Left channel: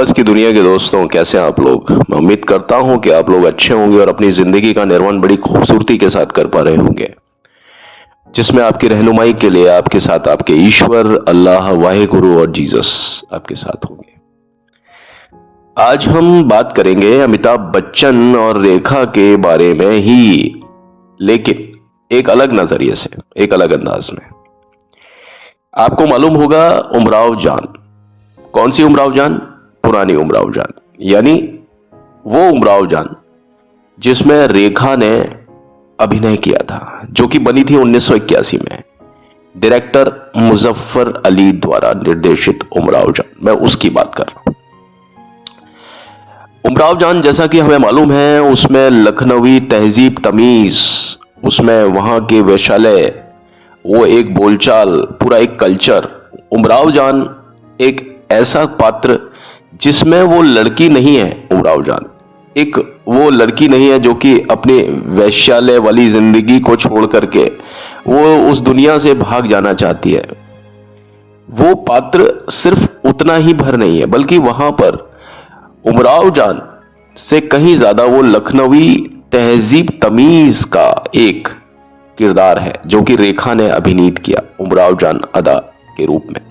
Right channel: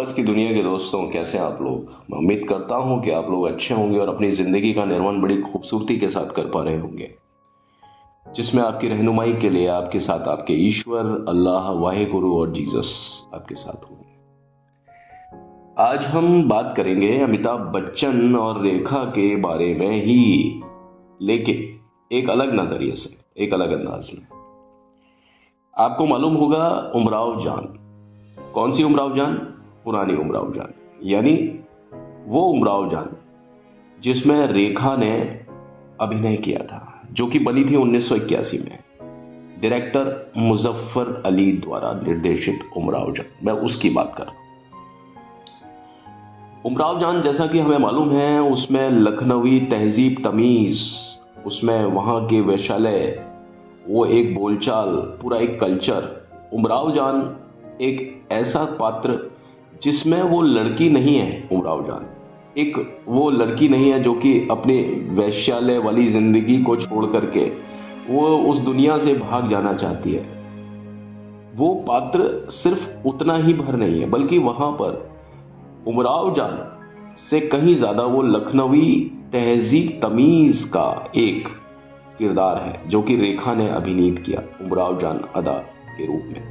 आवाज की दुनिया के दोस्तों, कैसे हैं आप लोग। मैं उम्मीद करता हूं कि आप लोग अच्छे होंगे और अपनी जिंदगी का निर्माण बड़ी खूबसूरती के साथ कर पा रहे होंगे, जिसमें आपकी रहनुमाई के लिए आपके साथ आपके ईश्वर, अल्लाह, वाहिगुरु और जीसस आपके साथ होंगे। आज हम बात करेंगे अमिताभ बच्चन और रेखा के बारे में ही, लेकिन एक अलग नजरिए से, एक अलग अंदाज में। आपको मालूम होगा उमराव जान। कौन सी उमराव जान? पुरानी उमराव जान, यानी वो उमराव जान जिसमें रेखा ने अभिनय किया था, जो कि बनी थी 1981 में डायरेक्टर मुजफ्फर अली द्वारा निर्देशित उमराव जान। मैं उसकी बात कर रहा हूं। उमराव जान, जैसा कि हमें मालूम है, उसमें लखनवी तहजीब तमीज, उसमें वहां के वैशाल्य, वो एक बोलचाल, पूरा एक कल्चर। उमराव जान एक ऐसा पात्र जिसमें वो लड़की नहीं है। उमराव जान एक वो लड़की नहीं है जो कि अपने वैश्यालय वाली जिंदगी को छोड़ करके वो उस दुनिया से भाग जाना चाहती है। वो पात्र सिर्फ उतना ही भर नहीं है, बल्कि वहां पर उमराव जान से कहीं ज्यादा वो लखनवी तहजीब तमीज का एक किरदार है, जो कि रेखा ने अभिनीत किया उमराव जान अदा के रूप में।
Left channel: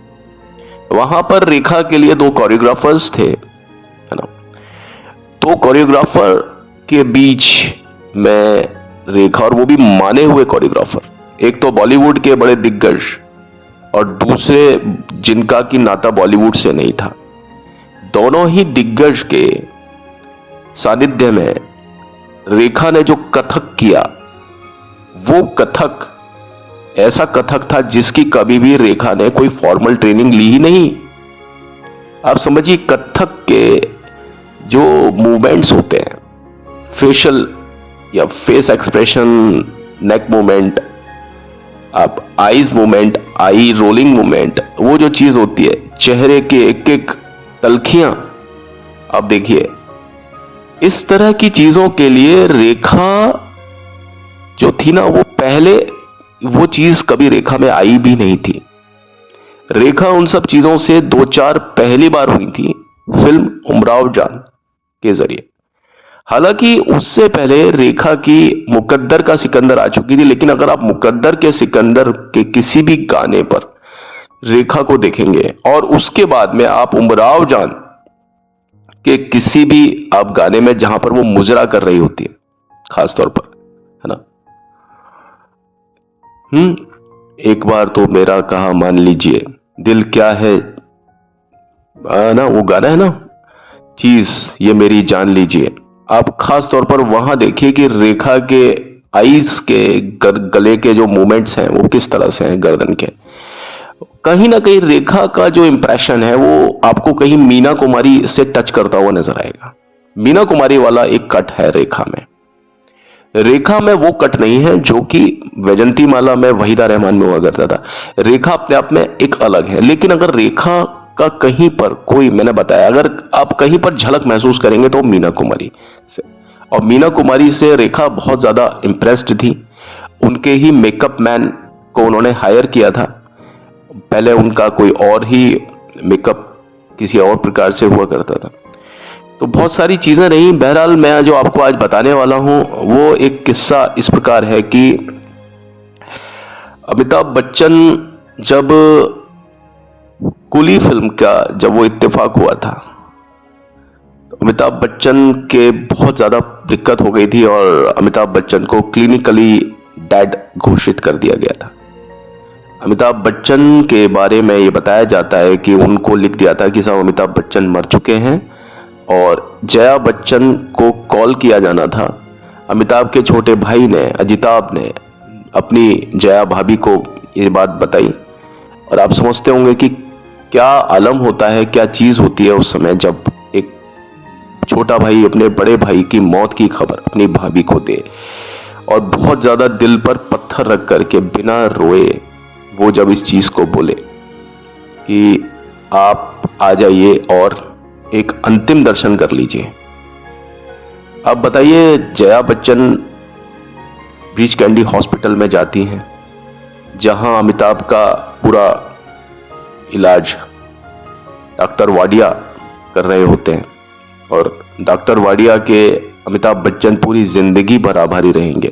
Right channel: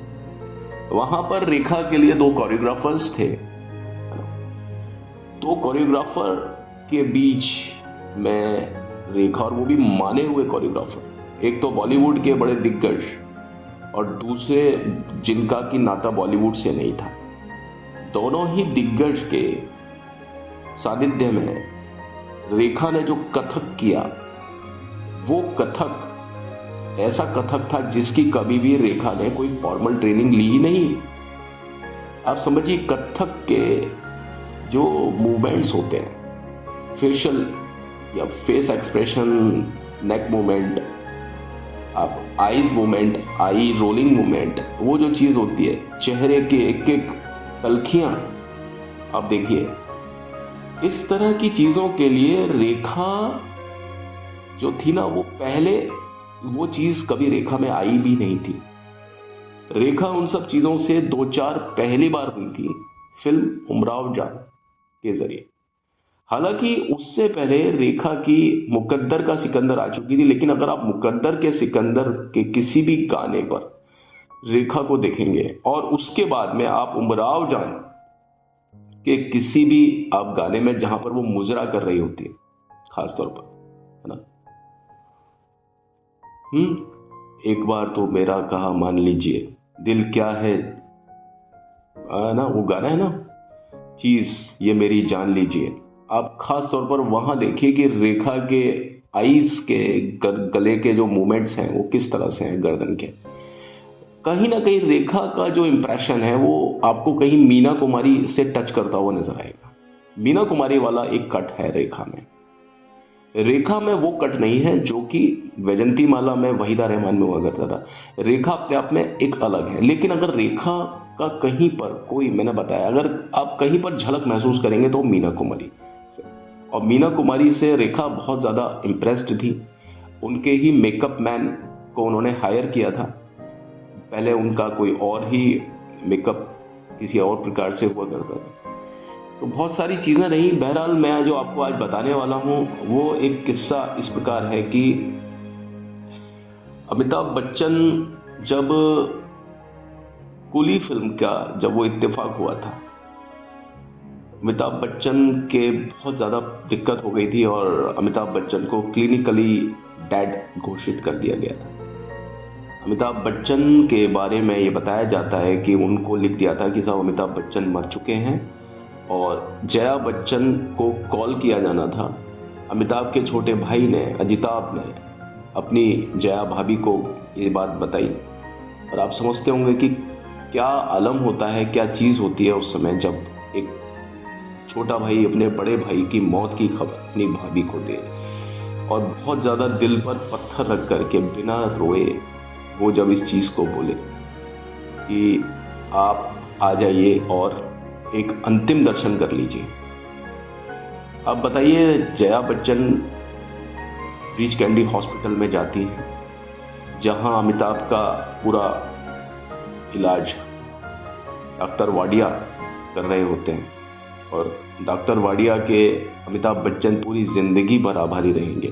वहां पर रेखा के लिए दो कोरियोग्राफर्स थे, है ना। दो कोरियोग्राफर के बीच में रेखा, और वो भी माने हुए कोरियोग्राफर, एक तो बॉलीवुड के बड़े दिग्गज और दूसरे जिनका की नाता बॉलीवुड से नहीं था। दोनों ही दिग्गज के सानिध्य में रेखा ने जो कथक किया, वो कथक ऐसा कथक था जिसकी कभी भी रेखा ने कोई फॉर्मल ट्रेनिंग ली ही नहीं। आप समझिए, कथक के जो मूवमेंट्स होते हैं, फेशियल या फेस एक्सप्रेशन, नेक मूवमेंट, आप आईज मूवमेंट, आई रोलिंग मूवमेंट, वो जो चीज होती है, चेहरे के एक एक तलखियां, आप देखिए, इस तरह की चीजों के लिए रेखा जो थी ना, वो पहले वो चीज कभी रेखा में आई भी नहीं थी। रेखा उन सब चीजों से दो चार पहली बार हुई थी फिल्म उमराव जान के जरिए। हालांकि उससे पहले रेखा की मुकद्दर का सिकंदर आ चुकी थी, लेकिन अगर आप मुकद्दर के सिकंदर के किसी भी गाने पर रेखा को देखेंगे और उसके बाद में आप उमराव जान के किसी भी आप गाने में जहां पर वो मुजरा कर रही होती है, खासतौर पर, है ना, एक बार तो मेरा कहा मान लीजिए, दिल क्या है, ना वो गाना है ना, चीज ये मेरी जान लीजिए। आप खास तौर पर वहां देखिए कि रेखा के आईज के गले के जो मूवमेंट्स हैं वो किस तरह से हैं, गर्दन के। कहीं ना कहीं रेखा का जो इंप्रेशन है वो आपको कहीं मीना कुमारी से टच करता हुआ नजर आएगा। मीना कुमारी वाला एक कट है रेखा में। रेखा में वो कट नहीं है जो कि वैजंती माला में, वहीदा रहमान में हुआ करता था। रेखा अपने आप में एक अलग है, लेकिन अगर रेखा का कहीं पर कोई, मैंने बताया, अगर आप कहीं पर झलक महसूस करेंगे तो मीना कुमारी से, और मीना कुमारी से रेखा बहुत ज्यादा इंप्रेस्ड थी। उनके ही मेकअप मैन को उन्होंने हायर किया था। पहले उनका कोई और ही मेकअप किसी और प्रकार से हुआ करता था, तो बहुत सारी चीजें रही। बहरहाल मैं जो आपको आज बताने वाला हूं वो एक किस्सा इस प्रकार है कि अमिताभ बच्चन, जब कुली फिल्म का जब वो इत्तेफाक हुआ था, तो अमिताभ बच्चन के बहुत ज्यादा दिक्कत हो गई थी और अमिताभ बच्चन को क्लिनिकली डेड घोषित कर दिया गया था। अमिताभ बच्चन के बारे में ये बताया जाता है कि उनको लिख दिया था कि साहब अमिताभ बच्चन मर चुके हैं, और जया बच्चन को कॉल किया जाना था। अमिताभ के छोटे भाई ने, अजिताभ ने, अपनी जया भाभी को ये बात बताई। और आप समझते होंगे कि क्या आलम होता है, क्या चीज होती है उस समय जब एक छोटा भाई अपने बड़े भाई की मौत की खबर अपनी भाभी को दे, और बहुत ज्यादा दिल पर पत्थर रख करके बिना रोए वो जब इस चीज को बोले कि आप आ जाइए और एक अंतिम दर्शन कर लीजिए। अब बताइए, Jaya Bachchan breach candy hospital में जाती हैं, जहां अमिताभ का पूरा इलाज डॉक्टर वाडिया कर रहे होते हैं। और डॉक्टर वाडिया के अमिताभ बच्चन पूरी जिंदगी भर आभारी रहेंगे।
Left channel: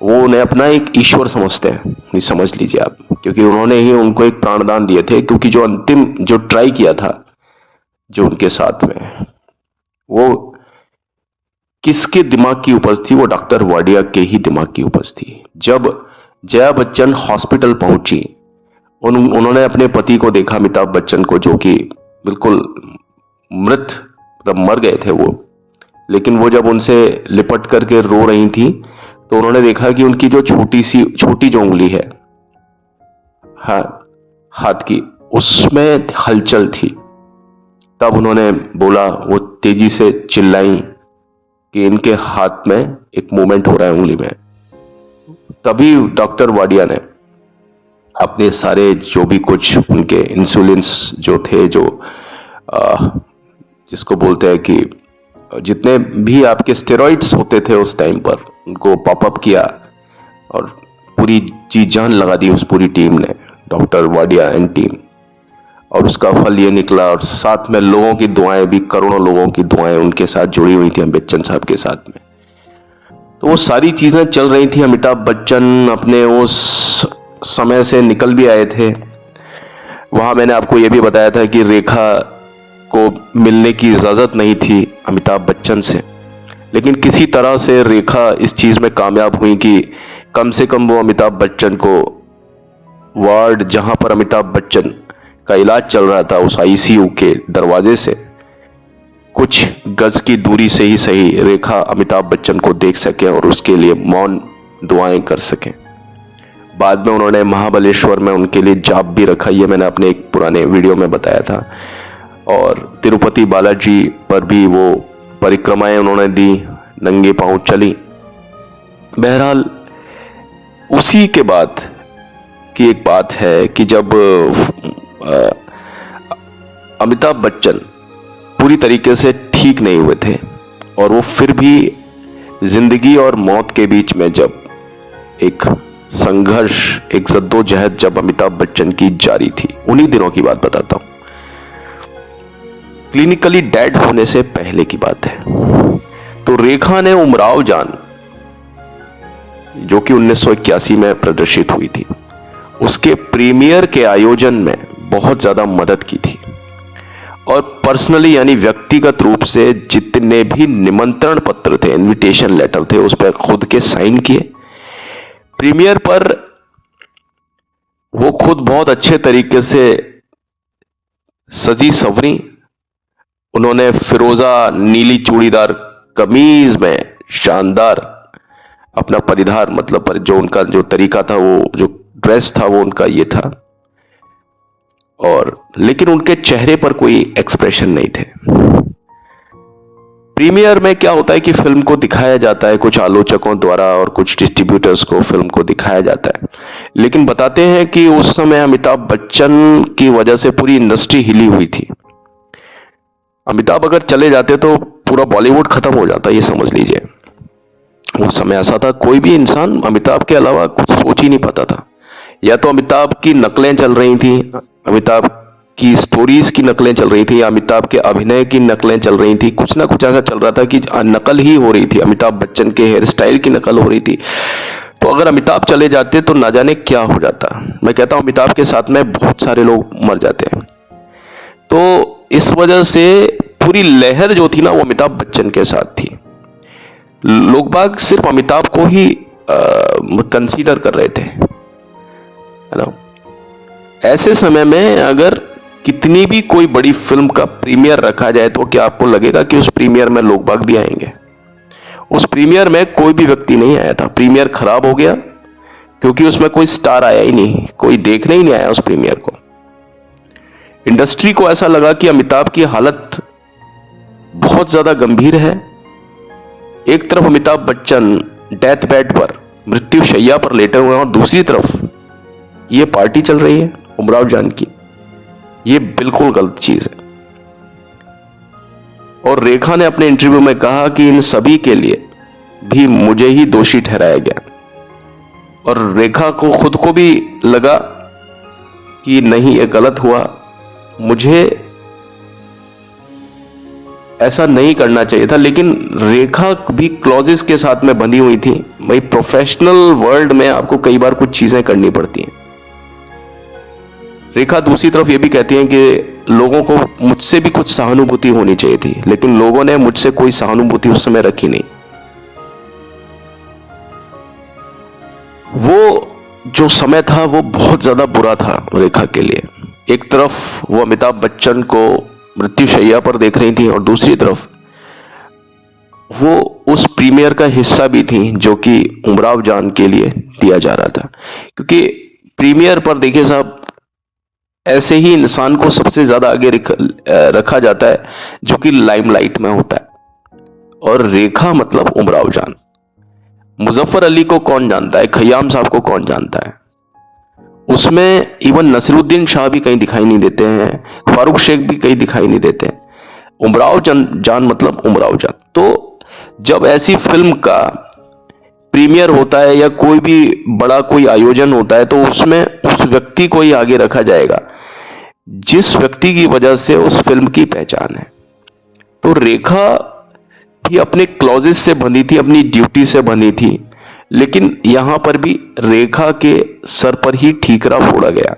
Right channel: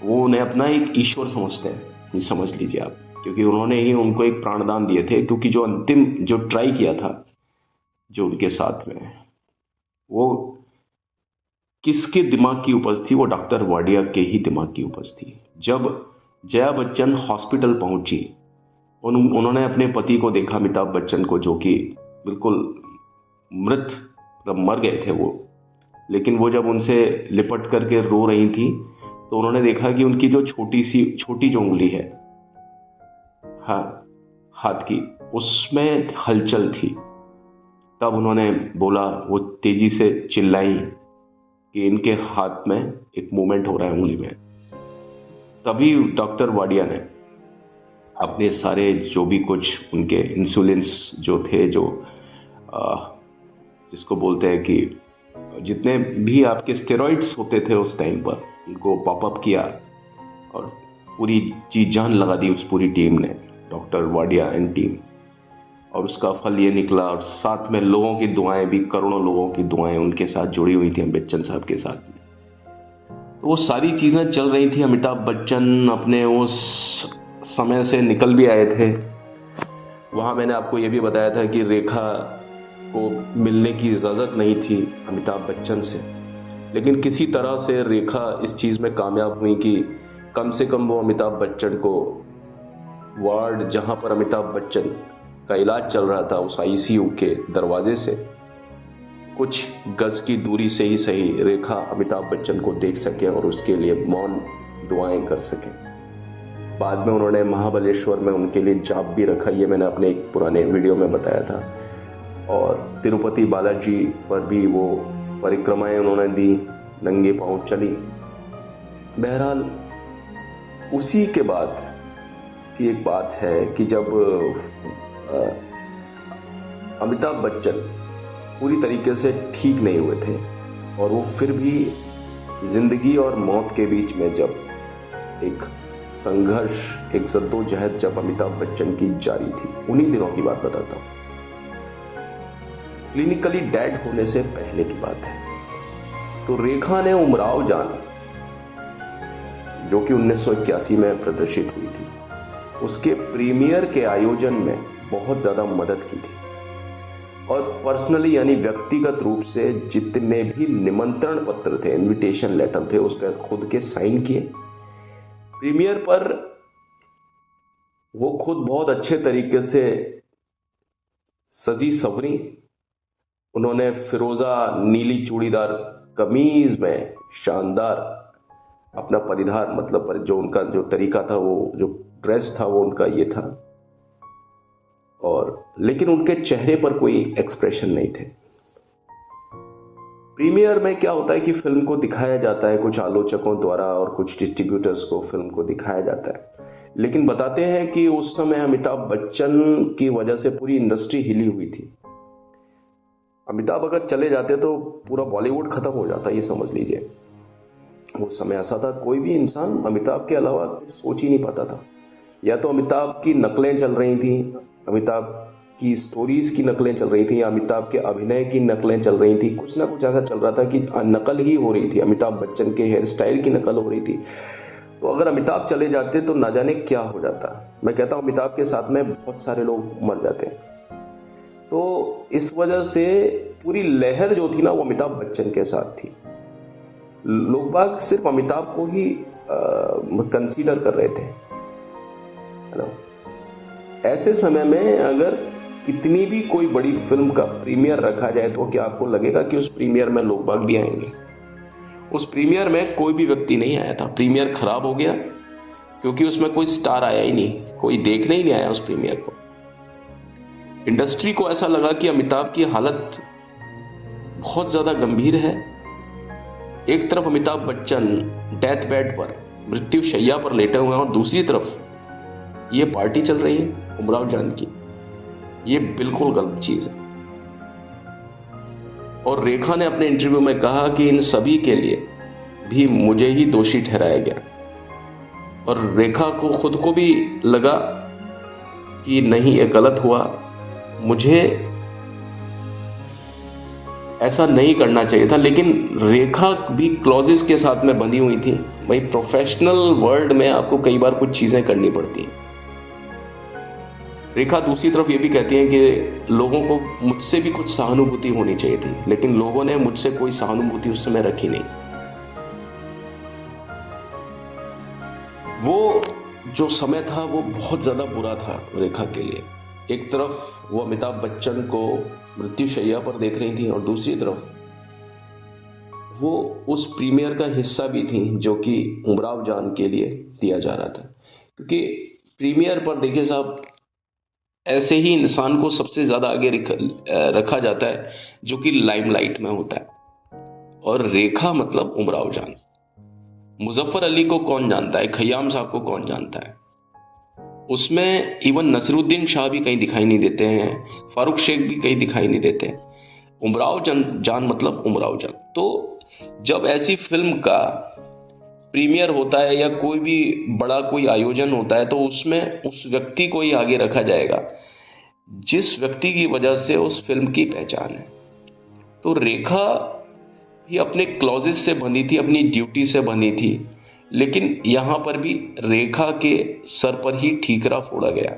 वो उन्हें अपना एक ईश्वर समझते हैं, ये समझ लीजिए आप, क्योंकि उन्होंने ही उनको एक प्राणदान दिए थे। क्योंकि जो अंतिम जो ट्राई किया था जो उनके साथ में, वो किसके दिमाग की उपज थी? वो डॉक्टर वाडिया के ही दिमाग की उपज थी। जब जया बच्चन हॉस्पिटल पहुंची, उन्होंने अपने पति को देखा, अमिताभ बच्चन को, जो कि बिल्कुल मृत, मतलब मर गए थे वो। लेकिन वो जब उनसे लिपट करके रो रही थी, तो उन्होंने देखा कि उनकी जो छोटी जो उंगली है हाथ की, उसमें हलचल थी। तब उन्होंने बोला, वो तेजी से चिल्लाई कि इनके हाथ में एक मूवमेंट हो रहा है उंगली में। तभी डॉक्टर वाडिया ने अपने सारे जो भी कुछ उनके इंसुलिन्स जो थे, जो जिसको बोलते हैं कि जितने भी आपके स्टेरॉइड्स होते थे उस टाइम पर, उनको पॉपअप किया और पूरी जी जान लगा दी उस पूरी टीम ने, डॉक्टर वाडिया एंड टीम। और उसका फल ये निकला, और साथ में लोगों की दुआएं भी, करोड़ों लोगों की दुआएं उनके साथ जुड़ी हुई थी, बच्चन साहब के साथ में। तो वो सारी चीजें चल रही थी। अमिताभ बच्चन अपने उस समय से निकल भी आए थे। वहां मैंने आपको यह भी बताया था कि रेखा को मिलने की इजाजत नहीं थी अमिताभ बच्चन से, लेकिन किसी तरह से रेखा इस चीज में कामयाब हुई कि कम से कम वो अमिताभ बच्चन को वार्ड, जहां पर अमिताभ बच्चन का इलाज चल रहा था, उस आईसीयू के दरवाजे से कुछ गज की दूरी से ही सही, रेखा अमिताभ बच्चन को देख सके और उसके लिए मौन दुआएं कर सके। बाद में उन्होंने महाबलेश्वर में उनके लिए जाप भी रखा, ये मैंने अपने एक पुराने वीडियो में बताया था। और तिरुपति बालाजी पर भी वो परिक्रमाएं उन्होंने दी, नंगे पांव चली। बहरहाल उसी के बाद की एक बात है कि जब अमिताभ बच्चन पूरी तरीके से ठीक नहीं हुए थे, और वो फिर भी जिंदगी और मौत के बीच में जब एक संघर्ष, एक जद्दोजहद जब अमिताभ बच्चन की जारी थी, उन्हीं दिनों की बात बताता हूं। क्लिनिकली डेड होने से पहले की बात है। तो रेखा ने उमराव जान, जो कि 1981 में प्रदर्शित हुई थी, उसके प्रीमियर के आयोजन में बहुत ज्यादा मदद की थी। और पर्सनली, यानी व्यक्तिगत रूप से जितने भी निमंत्रण पत्र थे, इनविटेशन लेटर थे, उस पर खुद के साइन किए। प्रीमियर पर वो खुद बहुत अच्छे तरीके से सजी संवरी। उन्होंने फिरोजा नीली चूड़ीदार कमीज में शानदार अपना परिधार, मतलब जो उनका जो तरीका था, वो जो ड्रेस था, वो उनका ये था। और लेकिन उनके चेहरे पर कोई एक्सप्रेशन नहीं थे। प्रीमियर में क्या होता है कि फिल्म को दिखाया जाता है कुछ आलोचकों द्वारा और कुछ डिस्ट्रीब्यूटर्स को फिल्म को दिखाया जाता है, लेकिन बताते हैं कि उस समय अमिताभ बच्चन की वजह से पूरी इंडस्ट्री हिली हुई थी। अमिताभ अगर चले जाते तो पूरा बॉलीवुड खत्म हो जाता, ये समझ लीजिए। उस समय ऐसा था, कोई भी इंसान अमिताभ के अलावा कुछ सोच ही नहीं पाता था। या तो अमिताभ की नकलें चल रही थी, अमिताभ की स्टोरीज की नकलें चल रही थी, या अमिताभ के अभिनय की नकलें चल रही थी। कुछ ना कुछ ऐसा चल रहा था कि नकल ही हो रही थी, अमिताभ बच्चन के हेयर स्टाइल की नकल हो रही थी। तो अगर अमिताभ चले जाते तो ना जाने क्या हो जाता। मैं कहता हूं अमिताभ के साथ में बहुत सारे लोग मर जाते हैं। तो इस वजह से पूरी लहर जो थी ना, वो अमिताभ बच्चन के साथ थी। लोग बाग सिर्फ अमिताभ को ही कंसीडर कर रहे थे, है ना। ऐसे समय में अगर कितनी भी कोई बड़ी फिल्म का प्रीमियर रखा जाए, तो क्या आपको लगेगा कि उस प्रीमियर में लोग बाग भी आएंगे? उस प्रीमियर में कोई भी व्यक्ति नहीं आया था। प्रीमियर खराब हो गया क्योंकि उसमें कोई स्टार आया ही नहीं, कोई देखने ही नहीं आया उस प्रीमियर को। इंडस्ट्री को ऐसा लगा कि अमिताभ की हालत बहुत ज्यादा गंभीर है। एक तरफ अमिताभ बच्चन डेथ बेड पर, मृत्यु शैया पर लेटे हुए हैं, और दूसरी तरफ ये पार्टी चल रही है उमराव जान की। ये बिल्कुल गलत चीज है। और रेखा ने अपने इंटरव्यू में कहा कि इन सभी के लिए भी मुझे ही दोषी ठहराया गया। और रेखा को खुद को भी लगा कि नहीं, ये गलत हुआ, मुझे ऐसा नहीं करना चाहिए था, लेकिन रेखा भी क्लॉजेस के साथ में बंधी हुई थी। भाई प्रोफेशनल वर्ल्ड में आपको कई बार कुछ चीजें करनी पड़ती हैं। रेखा दूसरी तरफ ये भी कहती है कि लोगों को मुझसे भी कुछ सहानुभूति होनी चाहिए थी, लेकिन लोगों ने मुझसे कोई सहानुभूति उस समय रखी नहीं। वो जो समय था वो बहुत ज्यादा बुरा था रेखा के लिए। एक तरफ वो अमिताभ बच्चन को मृत्युशैया पर देख रही थी और दूसरी तरफ वो उस प्रीमियर का हिस्सा भी थी जो कि उमराव जान के लिए दिया जा रहा था। क्योंकि प्रीमियर पर देखिए साहब, ऐसे ही इंसान को सबसे ज्यादा आगे रखा जाता है जो कि लाइमलाइट में होता है। और रेखा मतलब उमराव जान। मुजफ्फर अली को कौन जानता है, खयाम साहब को कौन जानता है। उसमें इवन नसीरुद्दीन शाह भी कहीं दिखाई नहीं देते हैं, फारूक शेख भी कहीं दिखाई नहीं देते हैं। उमराव जान मतलब उमराव जान। तो जब ऐसी फिल्म का प्रीमियर होता है या कोई भी बड़ा कोई आयोजन होता है तो उसमें उस व्यक्ति को ही आगे रखा जाएगा जिस व्यक्ति की वजह से उस फिल्म की पहचान है। तो रेखा भी अपने क्लॉजेस से बंधी थी, अपनी ड्यूटी से बंधी थी, लेकिन यहां पर भी रेखा के सर पर ही ठीकरा फोड़ा गया।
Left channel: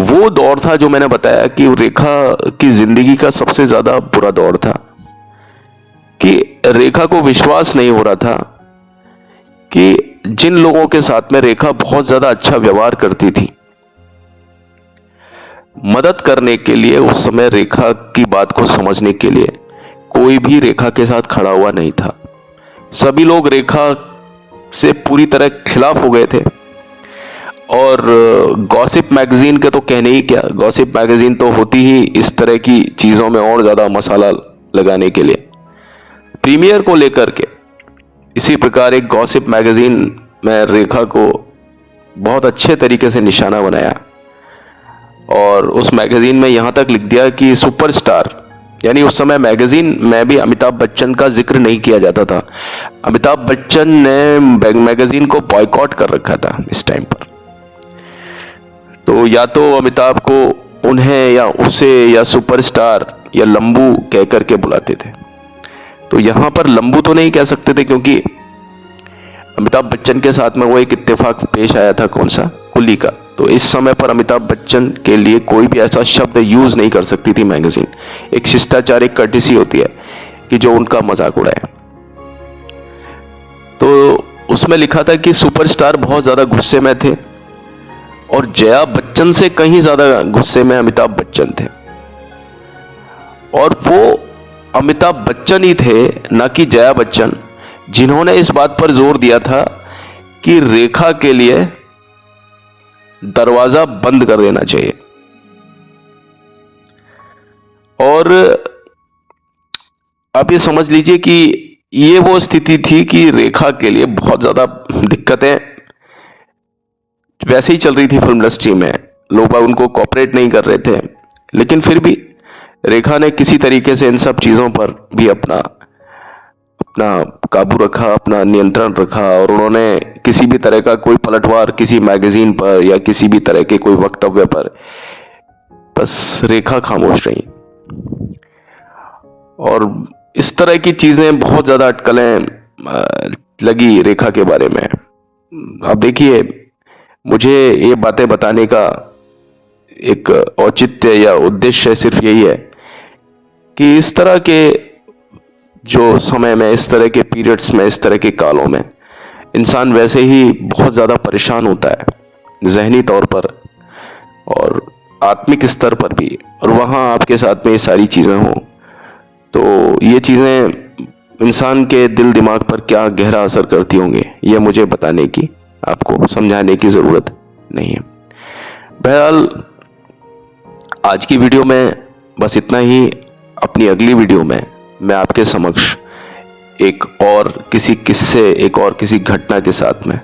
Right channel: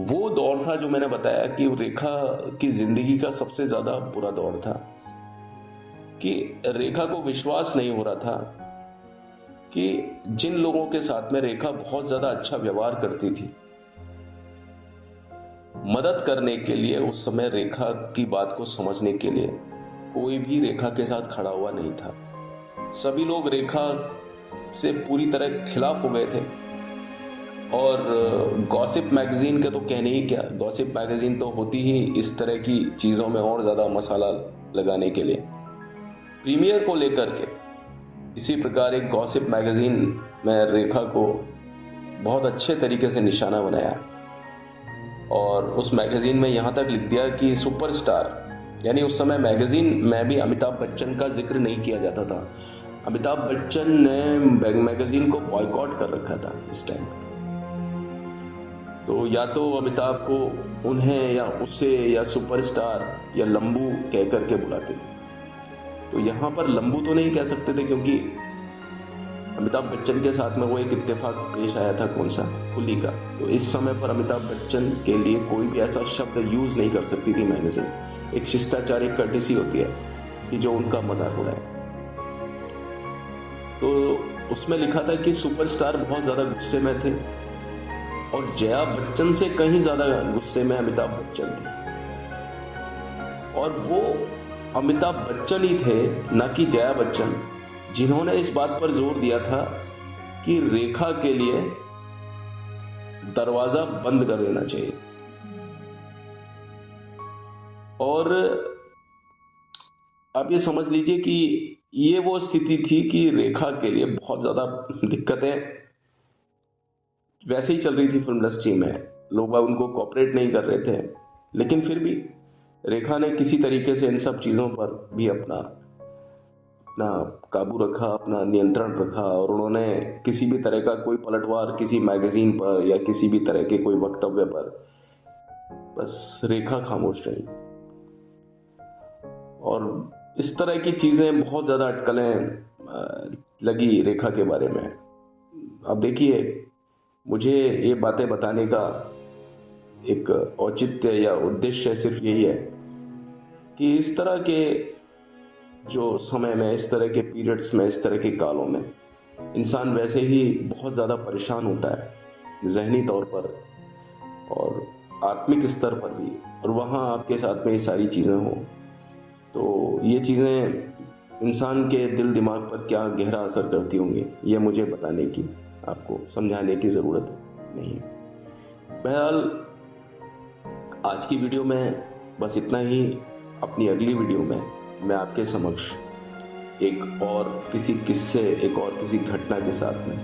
वो दौर था जो मैंने बताया कि रेखा की जिंदगी का सबसे ज्यादा बुरा दौर था, कि रेखा को विश्वास नहीं हो रहा था कि जिन लोगों के साथ में रेखा बहुत ज्यादा अच्छा व्यवहार करती थी, मदद करने के लिए, उस समय रेखा की बात को समझने के लिए कोई भी रेखा के साथ खड़ा हुआ नहीं था। सभी लोग रेखा से पूरी तरह खिलाफ हो गए थे। और गॉसिप मैगजीन के तो कहने ही क्या, गॉसिप मैगजीन तो होती ही इस तरह की चीजों में और ज्यादा मसाला लगाने के लिए। प्रीमियर को लेकर के इसी प्रकार एक गॉसिप मैगजीन में रेखा को बहुत अच्छे तरीके से निशाना बनाया और उस मैगजीन में यहां तक लिख दिया कि सुपरस्टार, यानी उस समय मैगजीन में भी अमिताभ बच्चन का जिक्र नहीं किया जाता था। अमिताभ बच्चन ने मैगजीन को बॉयकॉट कर रखा था इस टाइम पर। तो या तो अमिताभ को उन्हें या उसे या सुपरस्टार या लंबू कह करके बुलाते थे। तो यहां पर लंबू तो नहीं कह सकते थे क्योंकि अमिताभ बच्चन के साथ में वो एक इत्तेफाक पेश आया था, कौन सा, कुली का। तो इस समय पर अमिताभ बच्चन के लिए कोई भी ऐसा शब्द यूज नहीं कर सकती थी मैगजीन। एक शिष्टाचार, एक कर्टिसी होती है कि जो उनका मजाक उड़ाए। तो उसमें लिखा था कि सुपरस्टार बहुत ज्यादा गुस्से में थे और जया बच्चन से कहीं ज्यादा गुस्से में अमिताभ बच्चन थे। और वो अमिताभ बच्चन ही थे, ना कि जया बच्चन, जिन्होंने इस बात पर जोर दिया था कि रेखा के लिए दरवाजा बंद कर देना चाहिए। और आप ये समझ लीजिए कि ये वो स्थिति थी कि रेखा के लिए बहुत ज्यादा दिक्कतें वैसे ही चल रही थी फिल्म इंडस्ट्री में, लोग उनको कॉपरेट नहीं कर रहे थे, लेकिन फिर भी रेखा ने किसी तरीके से इन सब चीजों पर भी अपना काबू रखा, अपना नियंत्रण रखा। और उन्होंने किसी भी तरह का कोई पलटवार किसी मैगजीन पर या किसी भी तरह के कोई वक्तव्य पर, बस रेखा खामोश रही। और इस तरह की चीजें, बहुत ज्यादा अटकलें लगी रेखा के बारे में। अब देखिए, मुझे ये बातें बताने का एक औचित्य या उद्देश्य सिर्फ यही है कि इस तरह के जो समय में, इस तरह के पीरियड्स में, इस तरह के कालों में इंसान वैसे ही बहुत ज़्यादा परेशान होता है, जहनी तौर पर और आत्मिक स्तर पर भी। और वहाँ आपके साथ में ये सारी चीज़ें हों तो ये चीज़ें इंसान के दिल दिमाग पर क्या गहरा असर करती होंगी, ये मुझे बताने की, आपको समझाने की ज़रूरत नहीं है। बहरहाल आज की वीडियो में बस इतना ही। अपनी अगली वीडियो में मैं आपके समक्ष एक और किसी किस्से, एक और किसी घटना के साथ में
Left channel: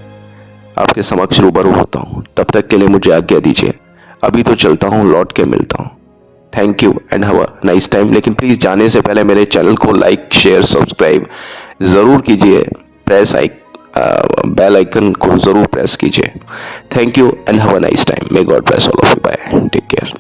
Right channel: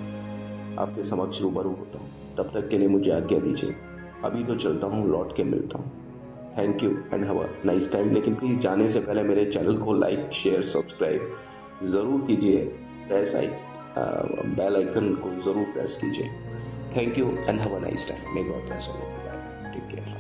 आपके समक्ष रूबरू होता हूँ। तब तक के लिए मुझे आज्ञा दीजिए। अभी तो चलता हूँ, लौट के मिलता हूँ। Thank you and have a nice time. लेकिन प्लीज़ जाने से पहले मेरे चैनल को लाइक, शेयर, सब्सक्राइब ज़रूर कीजिए। बेल आइकन को ज़रूर प्रेस कीजिए। Thank you and have a nice time. May God bless all of you. Bye, take care.